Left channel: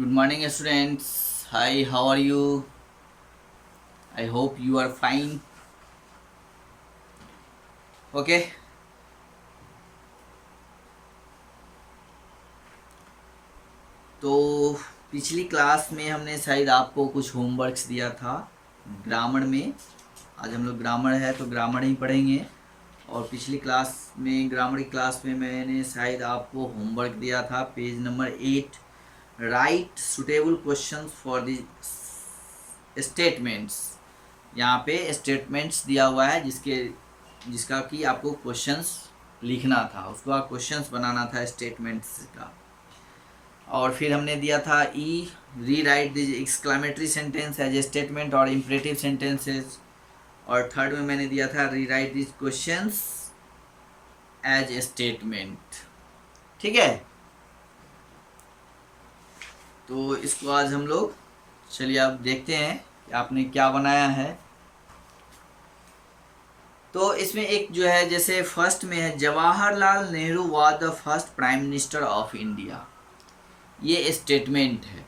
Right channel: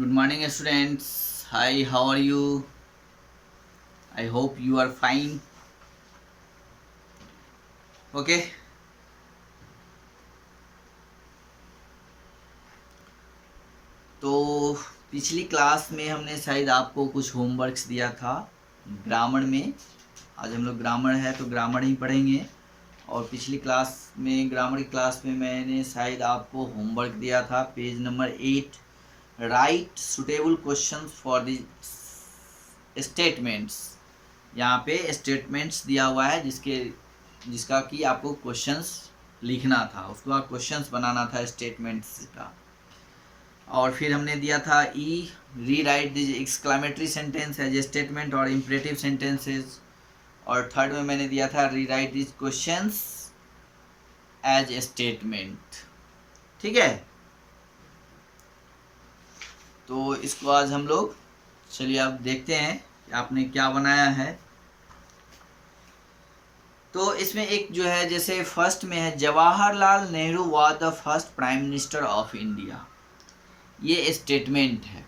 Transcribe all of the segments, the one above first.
Good morning, students. Hi, how are you? I hope you are fine. Okay. तो पिछली class में हमने शायद आपको कुछ होमवर्क्स दिया था ग्रामर में। आज हम लोग ग्रामर है तो ग्रामर ही पढ़ेंगे। और पिछली क्लास में ग्रामर की क्लास में मैंने शायद आपको होमवर्क दिया था page number 8, right suitable questions for the statements. यहाँ पे स्टेटमेंट्स दिया हुआ है जिसका कि आपको क्वेश्चंस लिखना था, उसको आप क्वेश्चंस बनाना था स्टेटमेंट्स का। और फिर हमने दिया था rewrite the exclamatory sentence as a statement और इम्परेटिव सेंटेंसेस। और थर्ड में मैंने दिया था rewrite this questions as a statement. ठीक है, तो इसको आज हम लोग चलिए अब देखते हैं कि आपने क्या बनाया है। तो इसमें एक जो है जैसे फर्स्ट में है Jawaharlal Nehru was the first prime minister of India, ये स्टेटमेंट है।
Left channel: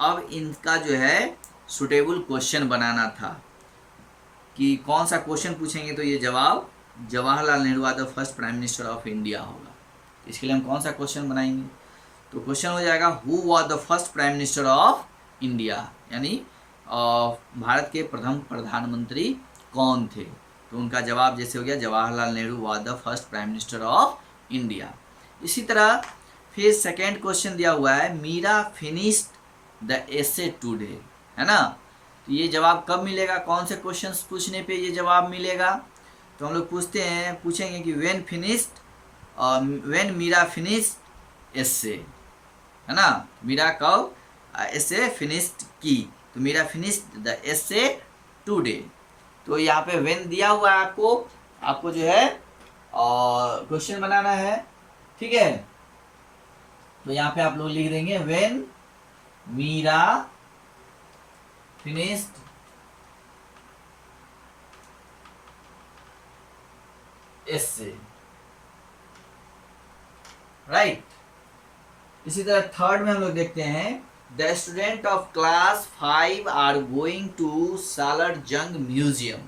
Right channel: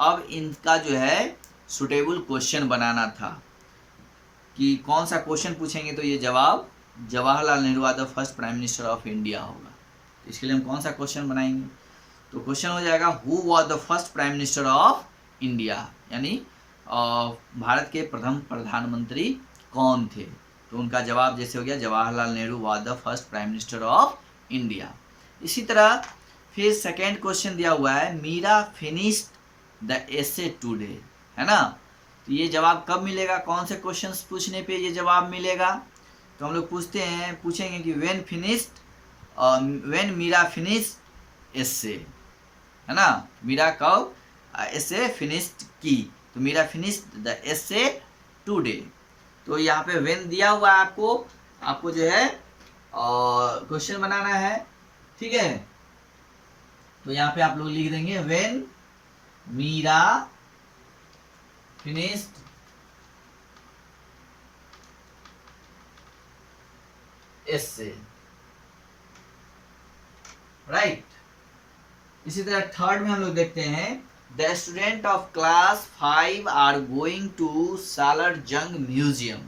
अब इनका जो है सुटेबल क्वेश्चन बनाना था कि कौन सा क्वेश्चन पूछेंगे तो ये जवाब Jawaharlal Nehru was the first prime minister of India होगा। तो इसके लिए हम कौन सा क्वेश्चन बनाएंगे, तो क्वेश्चन हो जाएगा who was the first prime minister of India, यानी भारत के प्रथम प्रधानमंत्री कौन थे। तो उनका जवाब जैसे हो गया Jawaharlal Nehru was the first prime minister of India. इसी तरह फिर सेकेंड क्वेश्चन दिया हुआ है Meera finished the essay today, है ना। तो ये जवाब कब मिलेगा, कौन से क्वेश्चंस पूछने पे ये जवाब मिलेगा। तो हम लोग पूछेंगे कि व्हेन मीरा फिनिश्ड एसे, है ना। मीरा कब एसे फिनिश्ड की, तो Meera finished the essay today. तो यहाँ पे व्हेन दिया हुआ है आपको जो है क्वेश्चन बनाना है। ठीक है, तो यहाँ पे आप लोग लिख देंगे when Meera finished essay, right. इसी तरह थर्ड में हम लोग देखते हैं the student of class 5 are going to Salar Jung museum,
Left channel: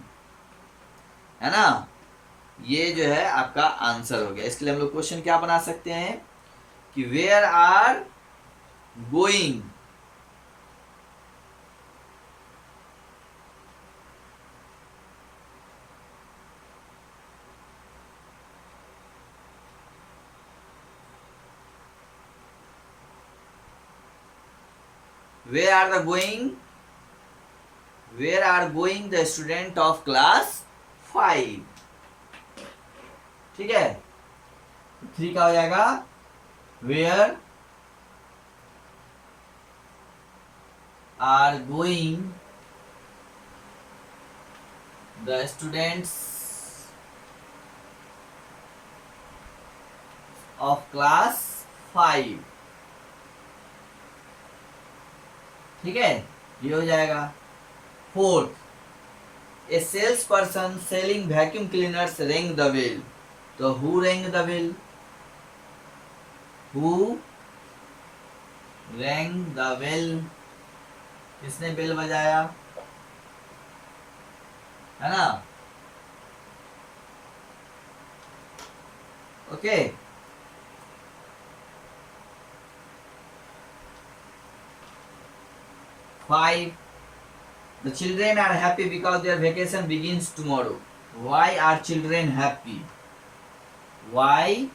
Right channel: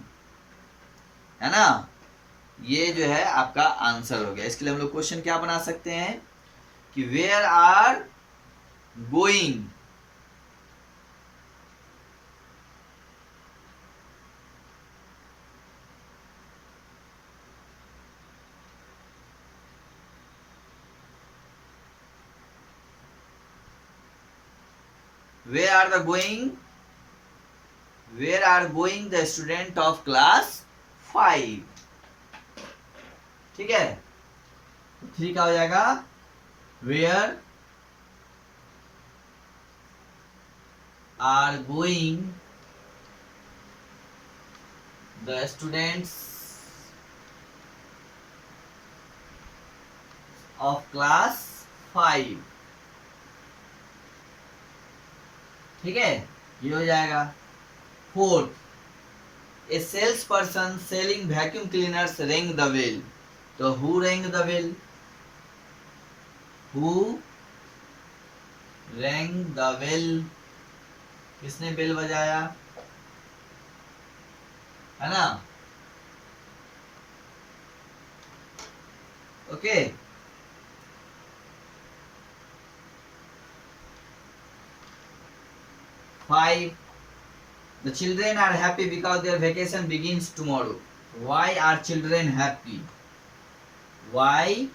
है ना। ये जो है आपका आंसर हो गया। इसके लिए हम लोग क्वेश्चन क्या बना सकते हैं कि where are going, where are going the student of class 5। ठीक है, 3 का हो जाएगा where are going the students of class 5। ठीक है, ये हो जाएगा। Fourth a sales person selling vacuum cleaners ring the bell, तो who ring the bell, who ring the bell, किसने बेल बजाया, है ना। Okay, Five. The children are happy because their vacation begins tomorrow. Why are children happy? Why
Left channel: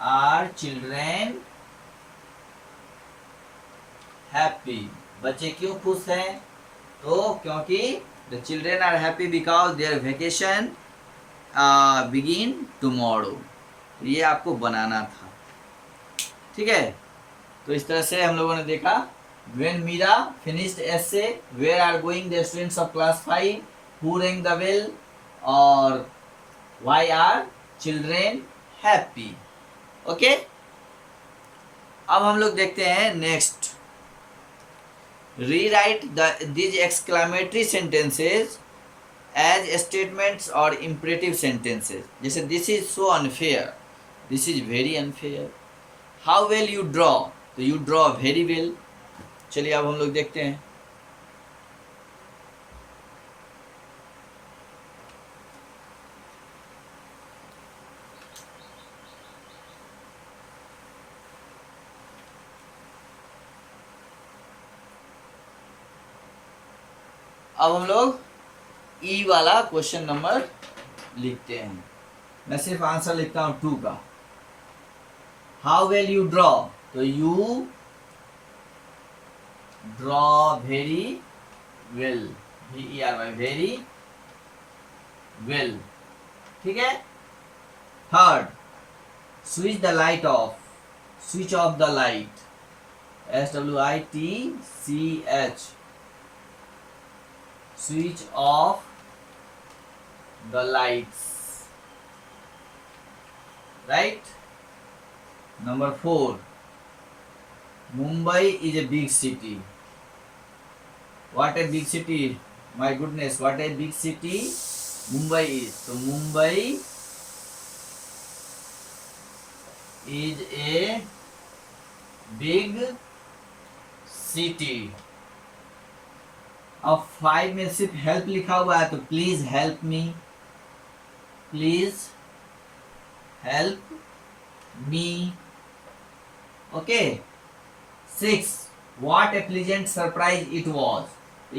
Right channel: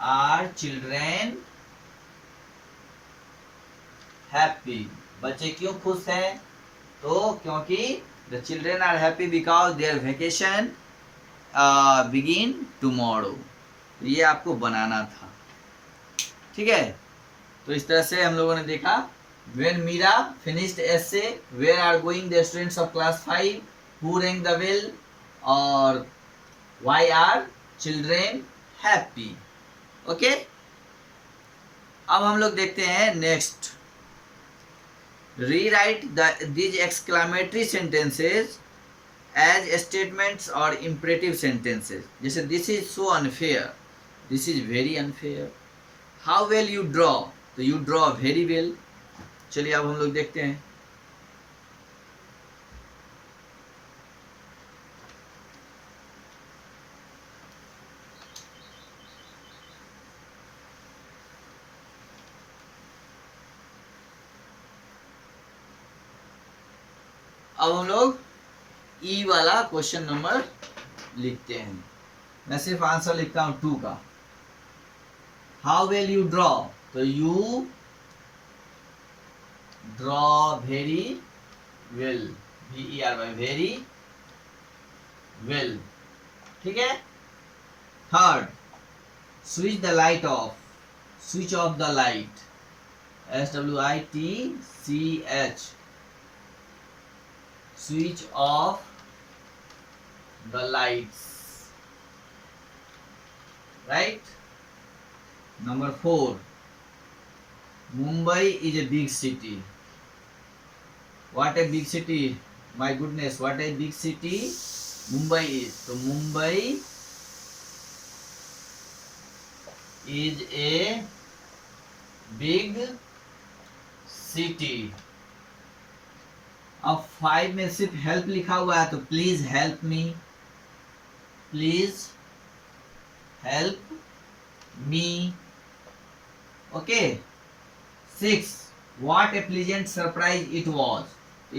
are children happy? बच्चे क्यों खुश हैं, तो क्योंकि the children are happy because their vacation begin tomorrow। तो ये आपको बनाना था। ठीक है, तो इस तरह से हम लोगों ने देखा when Mira finished essay, where are going the students of class 5, who rang the bell, और why are children happy। Okay, अब हम लोग देखते हैं next rewrite these exclamatory sentences as statements और इम्परेटिव सेंटेंसेज। जैसे this is so unfair, this is very unfair, how well you draw, तो you draw very well. चलिए अब हम लोग देखते हैं। अब हम लोग ई वाला क्वेश्चन नंबर लिखते हैं। मैं सिर्फ आंसर लिखता हूं 2 का। हाउ वेल यू ड्रॉ, तो you draw very well, VERY, very well. ठीक है। Third, switch the light of, switch off the light, SWITCH, switch off the lights, right? Number 4, Mumbai is a big city. What a big city, my goodness, what a big city Mumbai is. So Mumbai is a big city. अब 5 में सिर्फ help लिखा हुआ है, तो please help me, please help me. Okay. 6, what a pleasant surprise it was.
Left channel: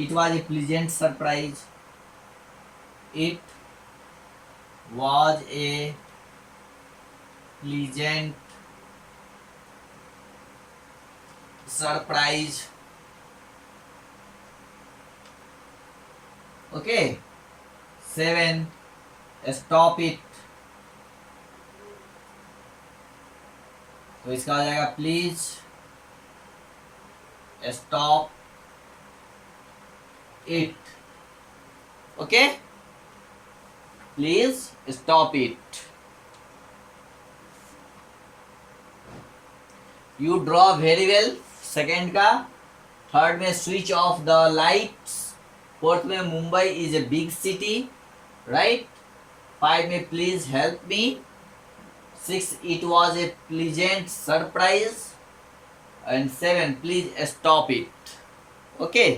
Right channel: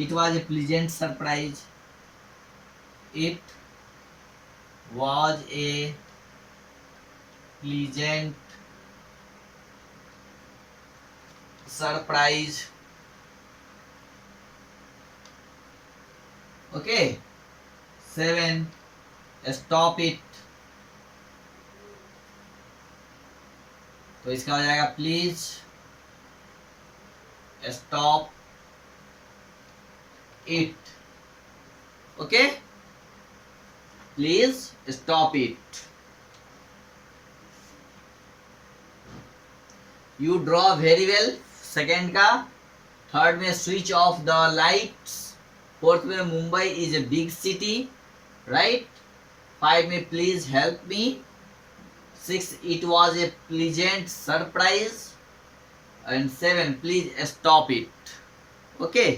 It was a pleasant surprise. It was a pleasant surprise. Okay. 7, stop it. तो इसका हो जाएगा please stop it. Okay, please stop it. You draw very well, second का। Third में switch off the lights. Fourth में Mumbai is a big city, right. 5 में please help me. 6, it was a pleasant surprise. And 7, please stop it. Okay.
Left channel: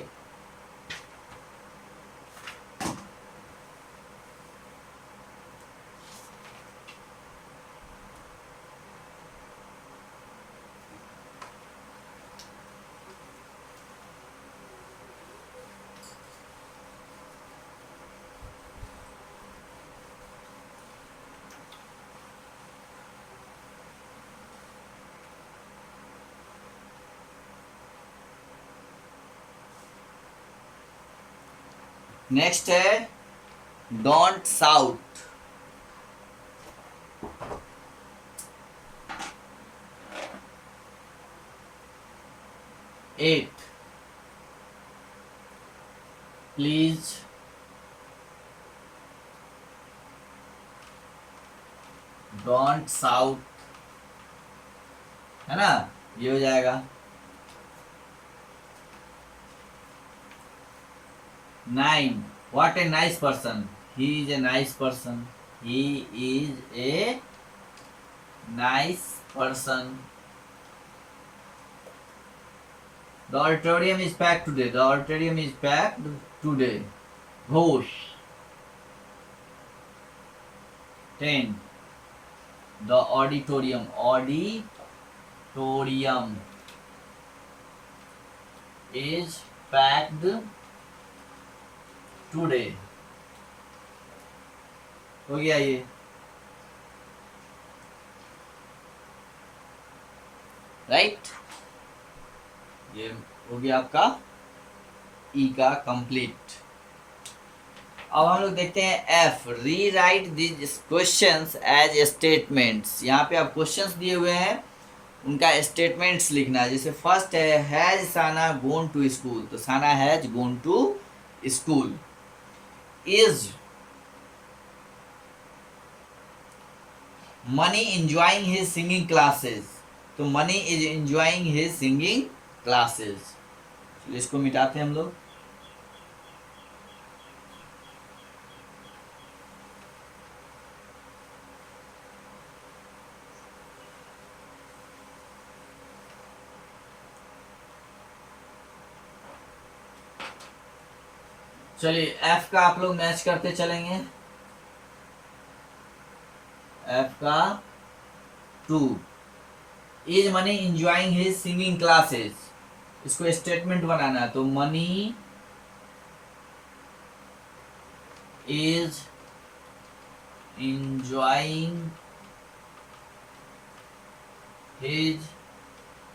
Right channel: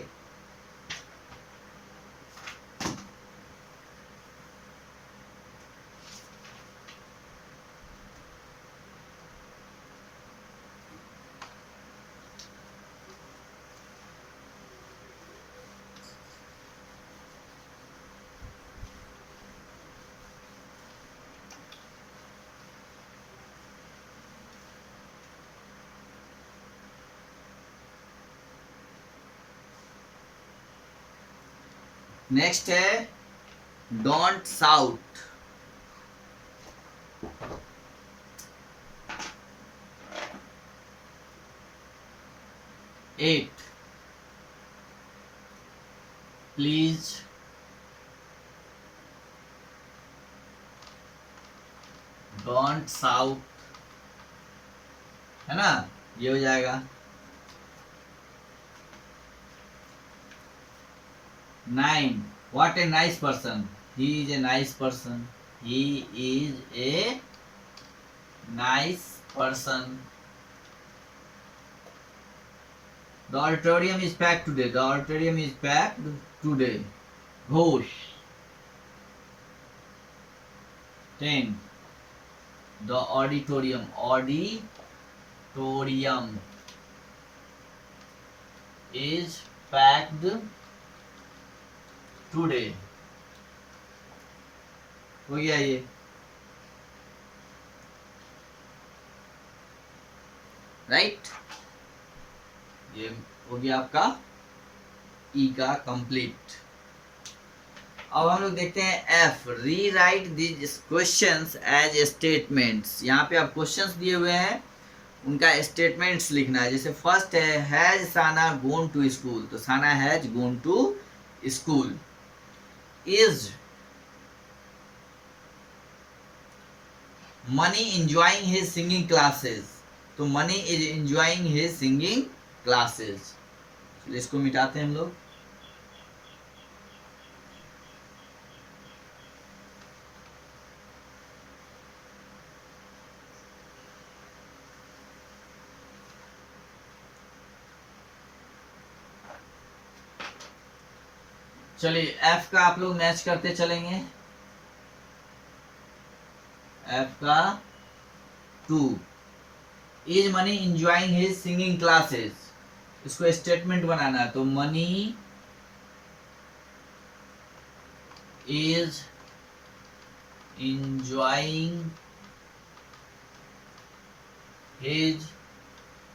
Next है don't shout. 8, please don't shout, है ना, ये हो जाएगा। 9, what a nice person, he is a nice person, he is a nice person. The auditorium is packed today, the auditorium is packed today. Ghosh. 10, the auditorium is packed today. हो गया ये, right. ये हो गया आपका ई का complete. अब हम लोग देखते हैं F, rewrite this questions as statements. यहाँ पे आप क्वेश्चंस दिए हुए हैं, उनका स्टेटमेंट्स लिखना है। जैसे फर्स्ट है has Sana gone to school, तो Sana has gone to school. Is Mani enjoying his singing classes, तो Mani is enjoying his singing classes। चलिए इसको मिटाते हैं हम लोग। चलिए एफ का आप लोग मैच करते चलेंगे। एफ का 2, is money enjoying his singing classes, इसको स्टेटमेंट बनाना है। तो Mani is enjoying his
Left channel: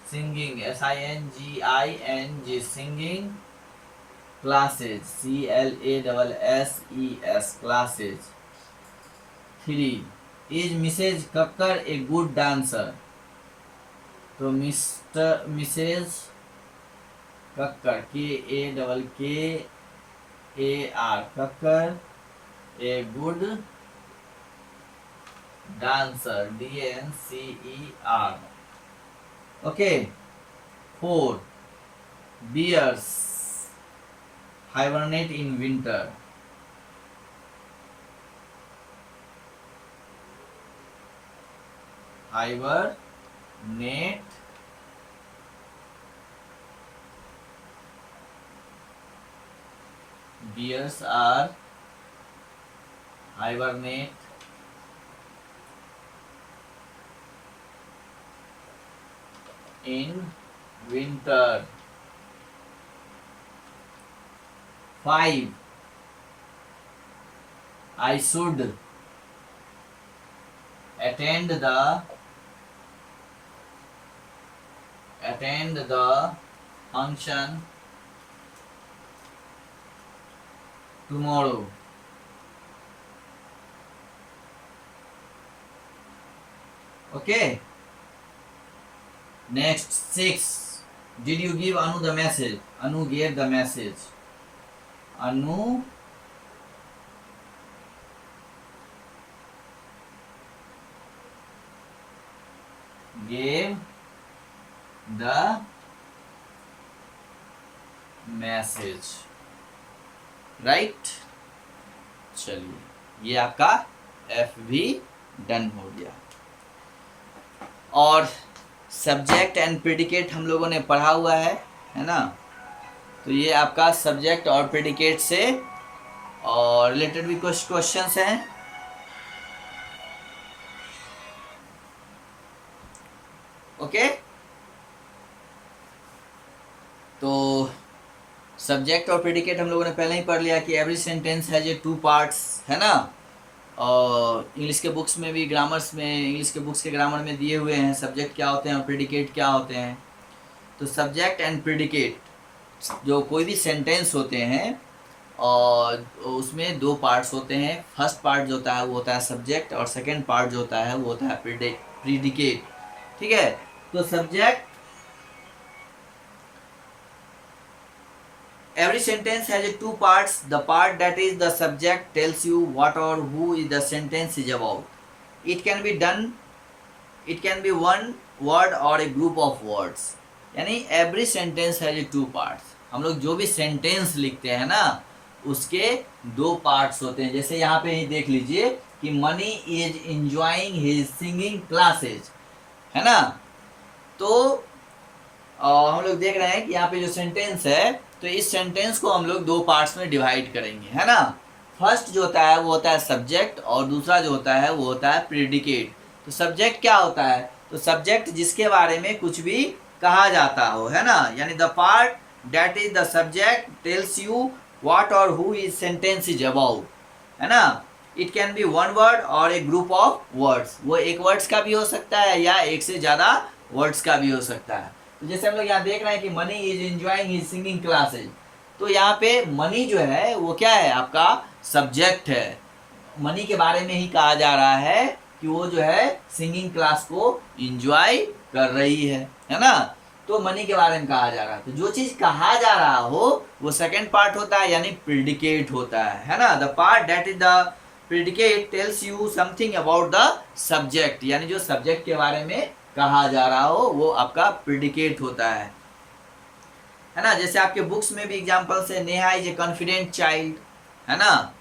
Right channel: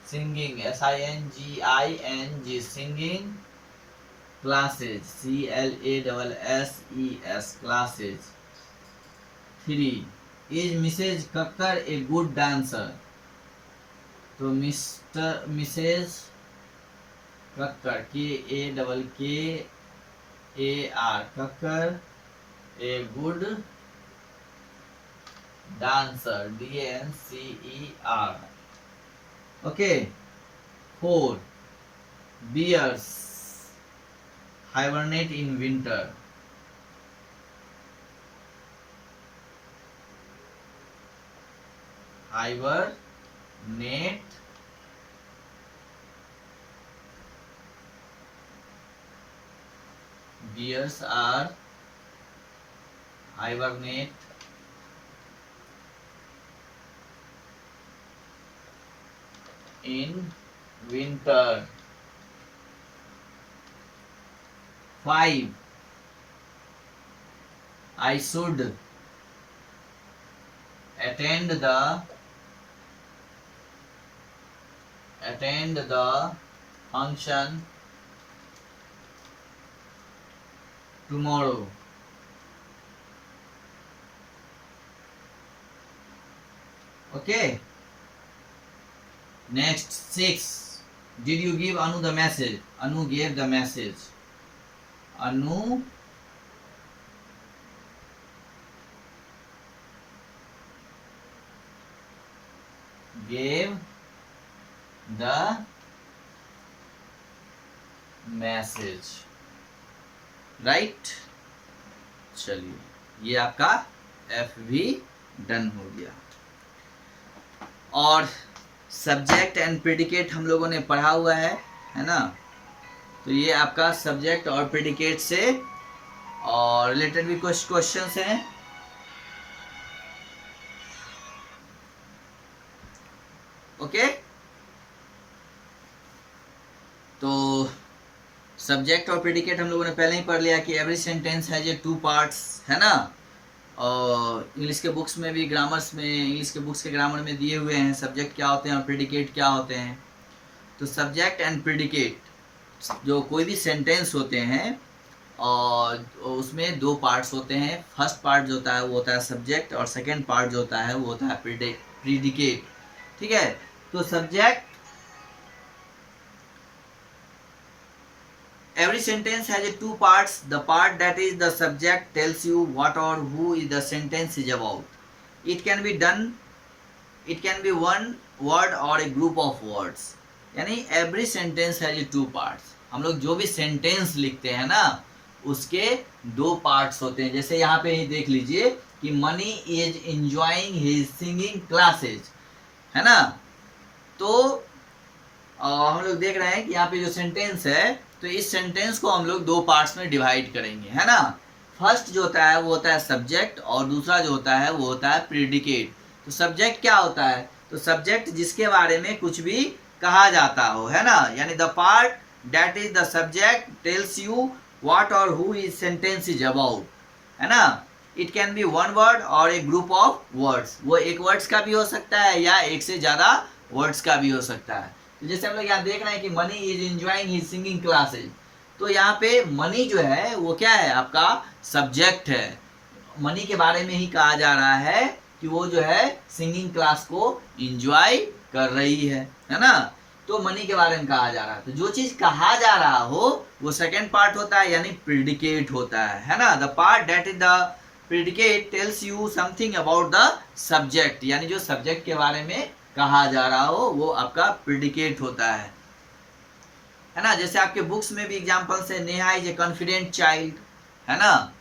singing singing singing classes classes classes। 3, is Mrs. Kakkar a good dancer, तो Mrs Kakkar KAKKAR Kakkar a good dancer DANCER। okay। 4, bears hibernate in winter, hibernate bears are hibernate in winter। 5, I should attend the function tomorrow। okay। next 6, did you give Anu the message? Anu gave the message, Anu gave the message, right। चलिए ये आपका F भी done हो गया। और subject and predicate हम लोगों ने पढ़ा हुआ है ना। तो ये आपका सब्जेक्ट और प्रेडिकेट से और रिलेटेड भी कुछ क्वेश्चंस हैं। ओके। तो सब्जेक्ट और प्रेडिकेट हम लोगों ने पहले ही पढ़ लिया कि every sentence has a 2 parts, है ना। और इंग्लिश के बुक्स में भी इंग्लिश के बुक्स के ग्रामर में दिए हुए हैं सब्जेक्ट क्या होते हैं और प्रेडिकेट क्या होते हैं। तो सब्जेक्ट एंड प्रेडिकेट जो कोई भी सेंटेंस होते हैं और उसमें 2 पार्ट्स होते हैं। फर्स्ट पार्ट जो होता है वो होता है सब्जेक्ट और सेकंड पार्ट जो होता है वो होता है प्रेडिकेट। ठीक है। तो subject, every sentence has a 2 parts. The part that is the subject tells you what or who is the sentence is about. It can be one word or a group of words. यानी every sentence has a 2 parts. हम लोग जो भी sentence लिखते हैं ना उसके 2 parts होते हैं। जैसे यहाँ पे ही देख लीजिए कि money is enjoying his singing classes, है ना। तो हम लोग देख रहे हैं कि यहाँ पे जो सेंटेंस है तो इस सेंटेंस को हम लोग 2 पार्ट्स में डिवाइड करेंगे, है ना। फर्स्ट जो होता है वो होता है सब्जेक्ट और दूसरा जो होता है वो होता है प्रेडिकेट। तो सब्जेक्ट क्या होता है? तो सब्जेक्ट जिसके बारे में कुछ भी कहा जाता हो, है ना। यानी the part that is the subject tells you what और who is sentence is about, है ना। It can be one word और ए ग्रुप ऑफ वर्ड्स। वो एक वर्ड्स का भी हो सकता है या एक से ज़्यादा वर्ड्स का भी हो सकता है। तो जैसे हम लोग यहाँ देख रहे हैं कि money is enjoying his singing classes, तो यहाँ पे मनी जो है वो क्या है? आपका सब्जेक्ट है। मनी के बारे में ही कहा जा रहा है कि वो जो है सिंगिंग क्लास को एंजॉय कर रही है ना। तो मनी के बारे में कहा जा रहा है। तो जो चीज़ कहा जा रहा हो वो सेकेंड पार्ट होता है यानी प्रेडिकेट होता है ना। The part that is the predicate tells you something about the subject, यानी जो सब्जेक्ट के बारे में कहा जा रहा हो वो आपका प्रेडिकेट होता है ना। जैसे आपके बुक्स में भी एग्जांपल्स है, Neha is a confident child, है ना।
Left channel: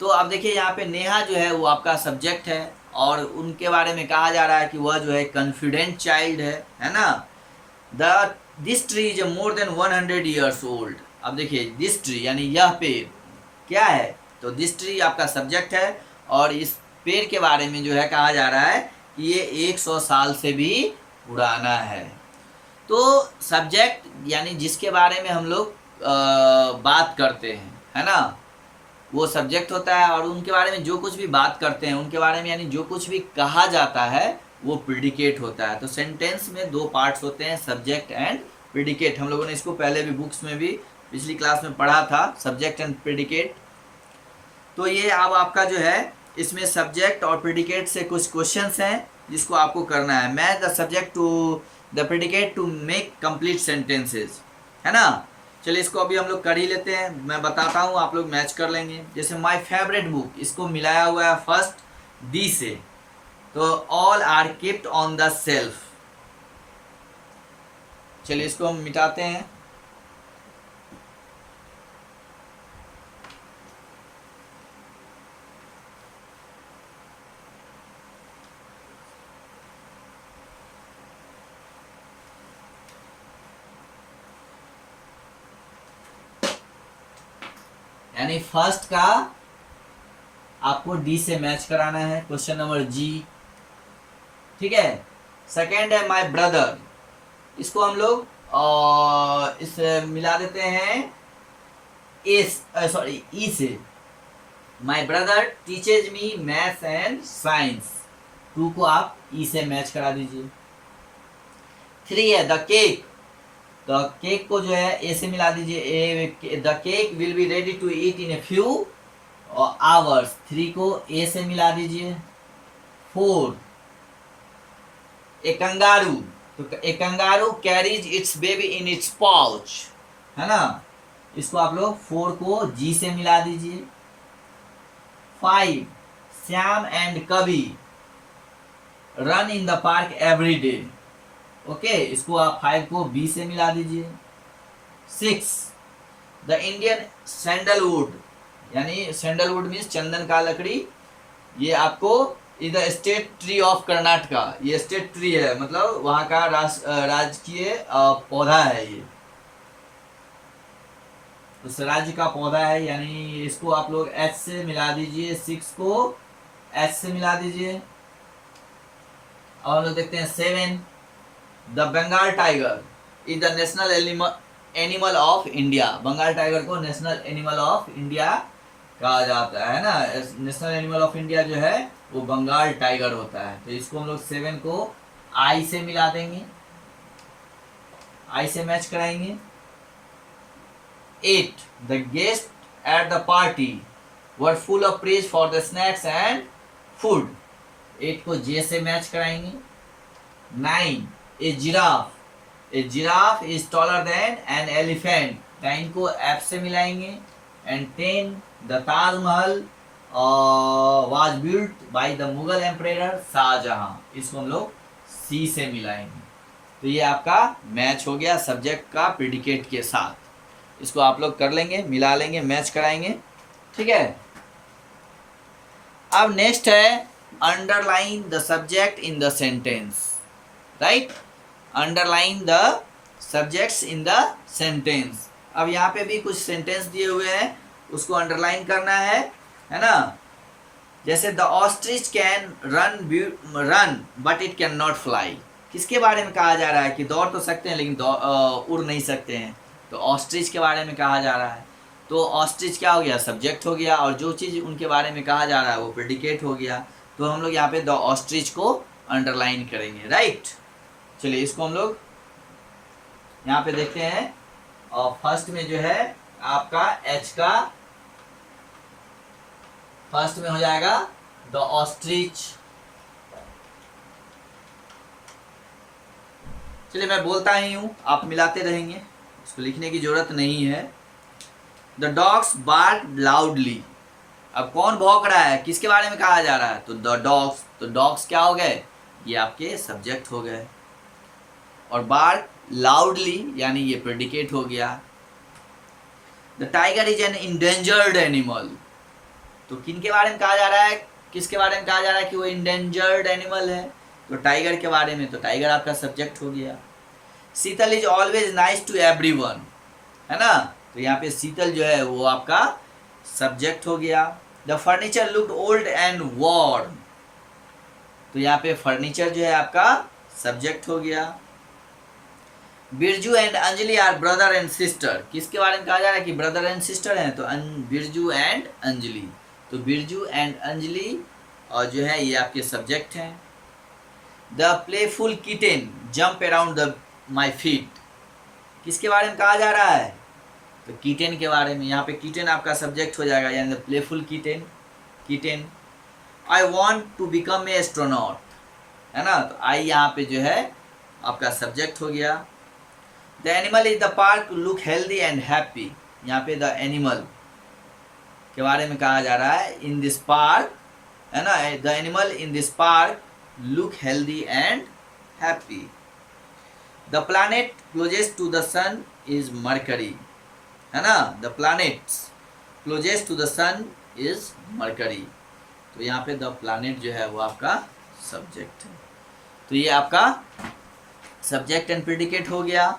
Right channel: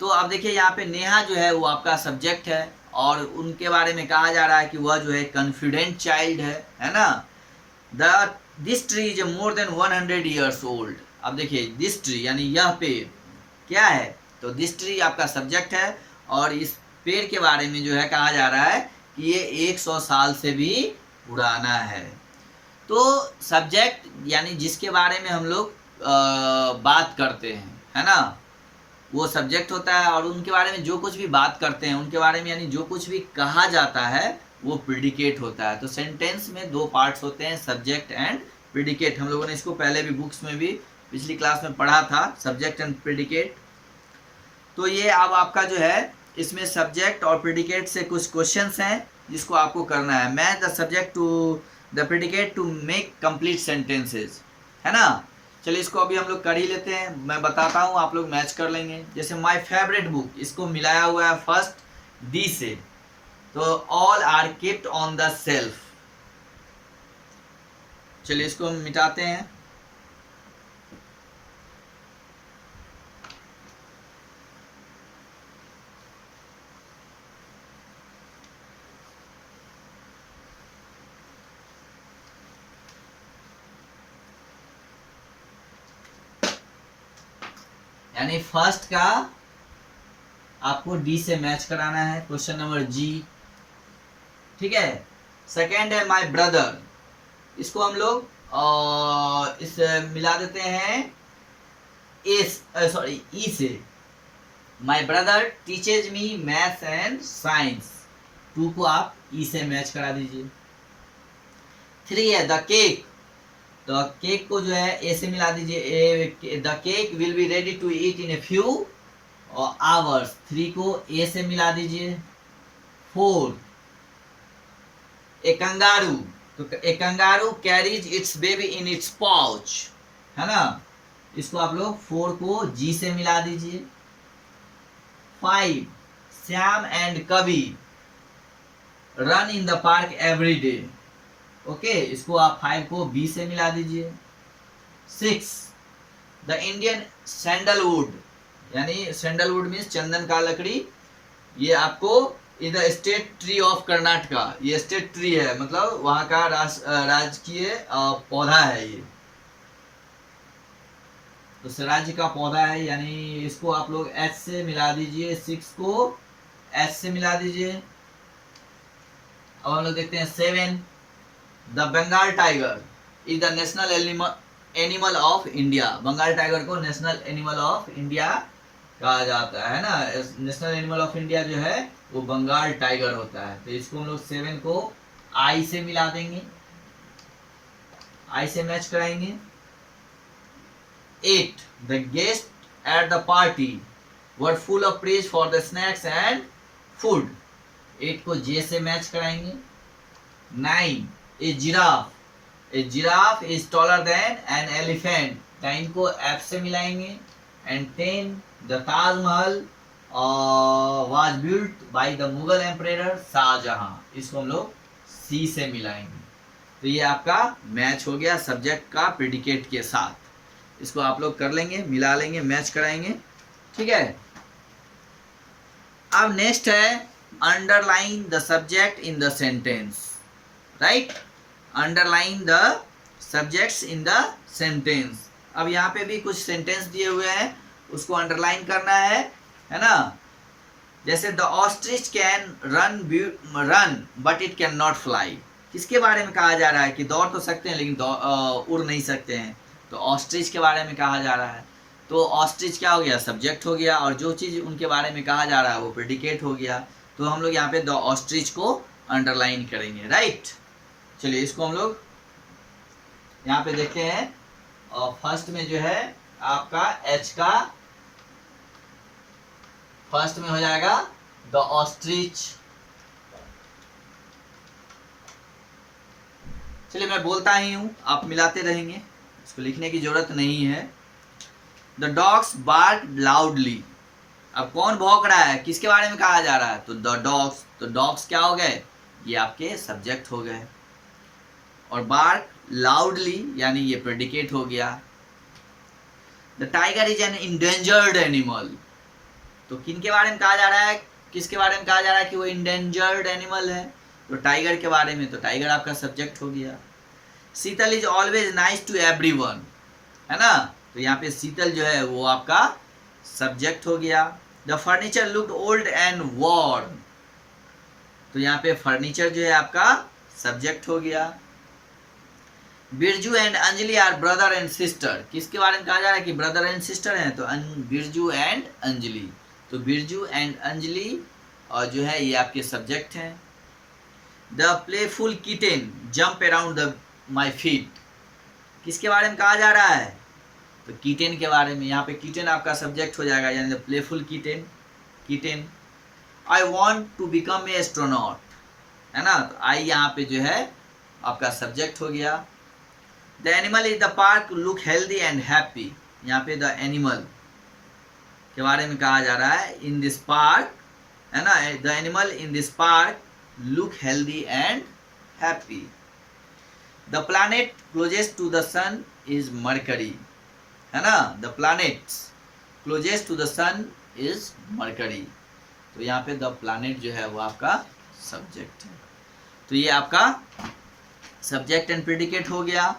तो अब देखिए यहाँ पे नेहा जो है वो आपका सब्जेक्ट है और उनके बारे में कहा जा रहा है कि वह जो है कॉन्फिडेंट चाइल्ड है ना। This tree is more than 100 years old। अब देखिए दिस ट्री यानी यह पेड़ क्या है, तो दिस ट्री आपका सब्जेक्ट है, और इस पेड़ के बारे में जो है कहा जा रहा है कि ये 100 साल से भी पुराना है। तो सब्जेक्ट यानी जिसके बारे में हम लोग बात करते हैं, है ना, वो सब्जेक्ट होता है, और उनके बारे में जो कुछ भी बात करते हैं उनके बारे में यानी जो कुछ भी कहा जाता है वो प्रिडिकेट होता है। तो सेंटेंस में दो पार्ट्स होते हैं, सब्जेक्ट एंड प्रिडिकेट। हम लोगों ने इसको पहले भी बुक्स में भी पिछली क्लास में पढ़ा था, सब्जेक्ट एंड प्रिडिकेट। तो ये अब आपका जो है इसमें सब्जेक्ट और प्रिडिकेट से कुछ क्वेश्चंस हैं जिसको आपको करना है। Match the subject to the predicate to make complete sentences, है ना। चलिए इसको अभी हम लोग कर ही लेते हैं, मैं बताता हूँ, आप लोग मैच कर लेंगे। जैसे माय फेवरेट बुक, इसको मिलाया हुआ है फर्स्ट दी से, तो all are kept on the shelf. चलिए इसको हम मिटाते हैं। यानी फर्स्ट का आपको डी से मैच कराना है, क्वेश्चन नंबर जी, ठीक है। सेकेंड है माय ब्रदर, इसको हम लोग इस मिला देते हैं ई से। My brother teaches me maths and science, two को आप ई से मैच करा दीजिए। 3 है द केक, तो केक को जो है ए से मिला दीजिए, the cake will be ready to eat in a few hours, 3 को ए से मिला दीजिए। 4 ए कंगारू, तो a kangaroo carries its baby in its pouch, है ना, इसको आप लोग 4 को जी से मिला दीजिए। 5 श्याम एंड कवि run in the park every day, okay, इसको आप 5 को बी से मिला दीजिए। 6 द इंडियन सैंडलवुड, यानी सैंडलवुड मीन्स चंदन का लकड़ी, ये आपको is the state tree of Karnataka, ये स्टेट ट्री है, मतलब वहाँ का राजकीय पौधा है, ये उस राज्य का पौधा है, यानी इसको आप लोग एच से मिला दीजिए। 6 को एच से मिला दीजिए। अब हम लोग देखते हैं 7 the Bengal tiger is the national animal of India, Bengal tiger को नेशनल एनिमल ऑफ इंडिया कहा जाता है ना, नेशनल एनिमल ऑफ इंडिया जो है वो बंगाल टाइगर होता है। तो इसको हम लोग 7 को आई से मिला देंगे, आई से मैच कराएंगे। 8 the guest at the party were full of praise for the snacks and food, 8 को जे से मैच कराएंगे। 9 a giraffe is taller than an elephant, 9 को एफ से मिलाएंगे। And 10 the Taj Mahal was built by the Mughal emperor Shah Jahan, इसको हम लोग सी से मिलाएंगे। तो ये आपका मैच हो गया सब्जेक्ट का प्रेडिकेट के साथ, इसको आप लोग कर लेंगे, मिला लेंगे, मैच कराएंगे, ठीक है। अब नेक्स्ट है underline the subject in the sentence, right, underline the subjects in the sentence. अब यहाँ पे भी कुछ सेंटेंस दिए हुए हैं, उसको अंडरलाइन करना है ना। जैसे the ostrich can run but it can not fly, किसके बारे में कहा जा रहा है कि दौड़ तो सकते हैं लेकिन उड़ नहीं सकते हैं, तो ऑस्ट्रिच के बारे में कहा जा रहा है। तो ऑस्ट्रिच क्या हो गया, सब्जेक्ट हो गया, और जो चीज़ उनके बारे में कहा जा रहा है वो प्रेडिकेट हो गया। तो हम लोग यहाँ पे द ऑस्ट्रिच को अंडरलाइन करेंगे, राइट। चलिए इसको हम लोग यहाँ पे देखते हैं, और फर्स्ट में जो है आपका एच का फर्स्ट में हो जाएगा द ऑस्ट्रिच। चलिए मैं बोलता ही हूँ, आप मिलाते रहेंगे, इसको लिखने की जरूरत नहीं है। द डॉग्स बार्क लाउडली, अब कौन भौंक रहा है, किसके बारे में कहा जा रहा है, तो द डॉग्स, तो डॉग्स क्या हो गए, ये आपके सब्जेक्ट हो गए। और बार्क लाउडली यानी ये प्रेडिकेट हो गया। The tiger is an endangered animal, तो किन के बारे में कहा जा रहा है, किसके बारे में कहा जा रहा है कि वो इंडेंजर्ड एनिमल है, तो टाइगर के बारे में, तो टाइगर आपका सब्जेक्ट हो गया। Sheetal is always nice to everyone, है ना, तो यहाँ पे शीतल जो है वो आपका सब्जेक्ट हो गया। The furniture looked old and worn, तो यहाँ पे फर्नीचर जो है आपका सब्जेक्ट हो गया। Birju and Anjali are brother and sister, किसके बारे में कहा जा रहा है कि ब्रदर एंड सिस्टर हैं, तो बिरजू एंड अंजलि, तो बिरजू एंड अंजलि और जो है ये आपके सब्जेक्ट हैं। The playful kitten jump around the my feet, किसके बारे में कहा जा रहा है, तो कीटेन के बारे में, यहाँ पे कीटेन आपका सब्जेक्ट हो जाएगा, यानी the playful kitten, kitten. I want to become a astronaut, है ना, तो आई यहाँ पे जो है आपका सब्जेक्ट हो गया। The animal is the park look healthy and happy, यहाँ पे द एनिमल के बारे में कहा जा रहा है, इन दिस पार्क, है ना, the animal in this park look healthy and happy. The planet closest to the sun is Mercury, है ना, the planets closest to the sun is Mercury, तो यहाँ पे द प्लैनेट जो है वो आपका सब्जेक्ट है। तो ये आपका सब्जेक्ट एंड प्रेडिकेट हो गया।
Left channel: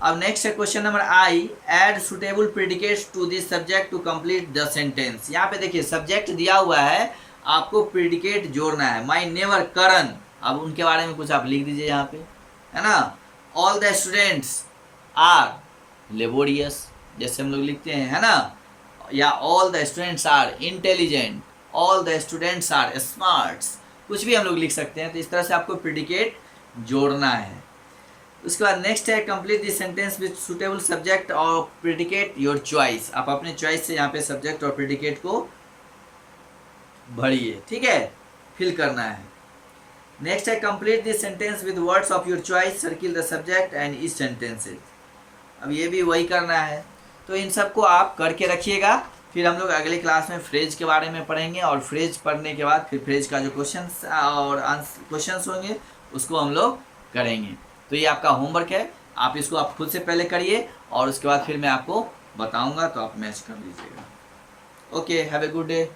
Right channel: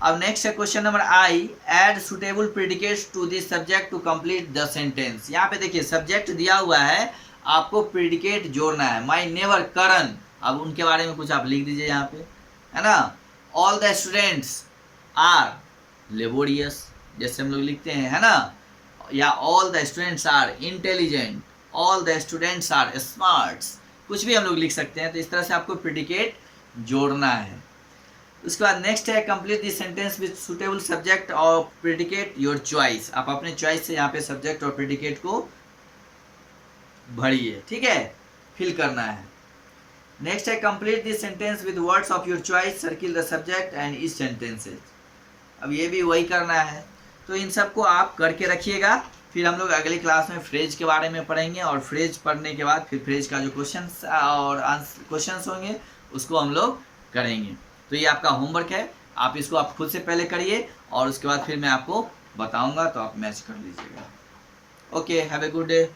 अब नेक्स्ट है question number I, add suitable predicates to this subject to complete the sentence. यहाँ पे देखिए सब्जेक्ट दिया हुआ है, आपको प्रेडिकेट जोड़ना है। माई नेवर करण, अब उनके बारे में कुछ आप लिख दीजिए यहाँ पे, है ना। All the students are laborious, जैसे हम लोग लिखते हैं, है ना, या all the students are intelligent, all the students are smarts, कुछ भी हम लोग लिख सकते हैं। तो इस तरह से आपको प्रेडिकेट जोड़ना है। उसके बाद नेक्स्ट है complete this sentence with suitable subject और प्रेडिकेट योर चॉइस, आप अपने चॉइस से यहाँ पे सब्जेक्ट और प्रेडिकेट को भरिए, ठीक है, फिल करना है। नेक्स्ट है complete this sentence with words of your choice, circle the subject and each sentences. अब ये भी वही करना है, तो इन सबको आप करके रखिएगा। फिर हम लोग अगले क्लास में फ्रेज के बारे में पढ़ेंगे, और फ्रेज पढ़ने के बाद फिर फ्रेज का जो क्वेश्चंस और क्वेश्चंस होंगे उसको हम लोग करेंगे। तो ये आपका होमवर्क है, आप इसको आप खुद से पहले करिए, और उसके बाद फिर मैं आपको बताऊंगा, तो आप मैच कर लीजिएगा। Okay, have a good day.